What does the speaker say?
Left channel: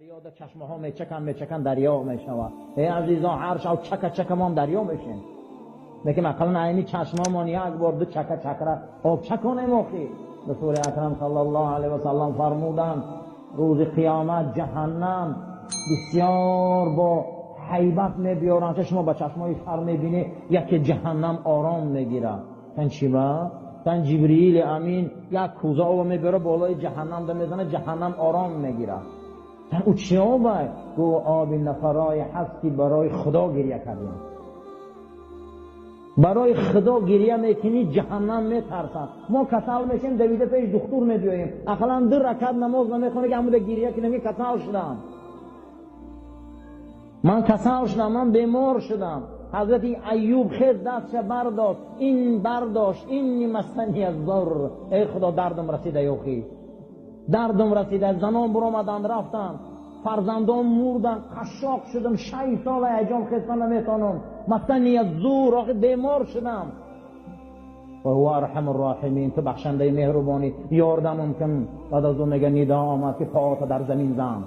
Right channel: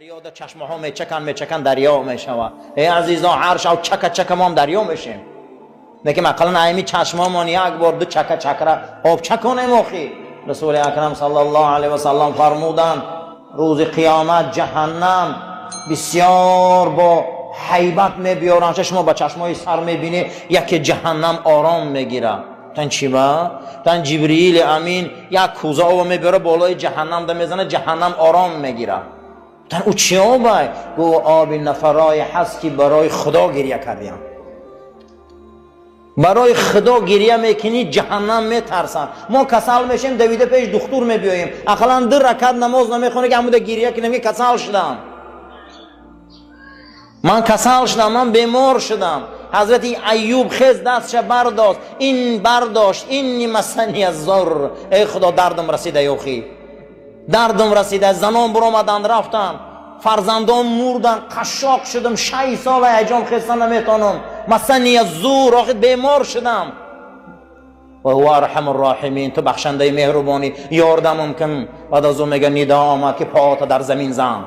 دریا در چشمه ها میچکن دریا میشود. ای عزیزان عرش او چک ما هم دریا میشیم. لیکن مثلا ایمی چشمه من یک بار دو چک را آب چکنیم آخی. رسول اکرم صلی الله علیه و سلم فرمودند روز قیامت جهنم بسیار با هیبت میبیارن. شما با چشمای سر میبینی یکی جهنم آرام میگیره. تن چی با؟ تن جبریل امین یک کوزه آب میبره بالای جهنم ده میزنه، جهنم آرام میگیره. تن او چی آبه؟ گو آب نفرای هست که برای خدا گریه کردیم. برای خدا گریه میکنی جهنم میترسن. ما کسل میشیم دویده پیش دکتر میبیاییم، اقلا 2 رکعت نماز نمیخونه که همون گریه کنیم که کسل شدم. من کسل شدم، من بیمار شدم. حضرت ایوب خیز دستش برداشت اینی مسنی الضر. ای خدا دردم رسیده یوخی، دردم رسیده. زنان برآمدند رفتن، فرزندان مردن، قشاق شدم، 6 سال حجام خستن نمیتونم. مسنی الضر، آخر بیمار شدم. و هو ارحم الراحمین، تو بخشنده مهربانی، یاردمم کن. بعد از اون میگه ندا آمد که پاهات در زمین زن.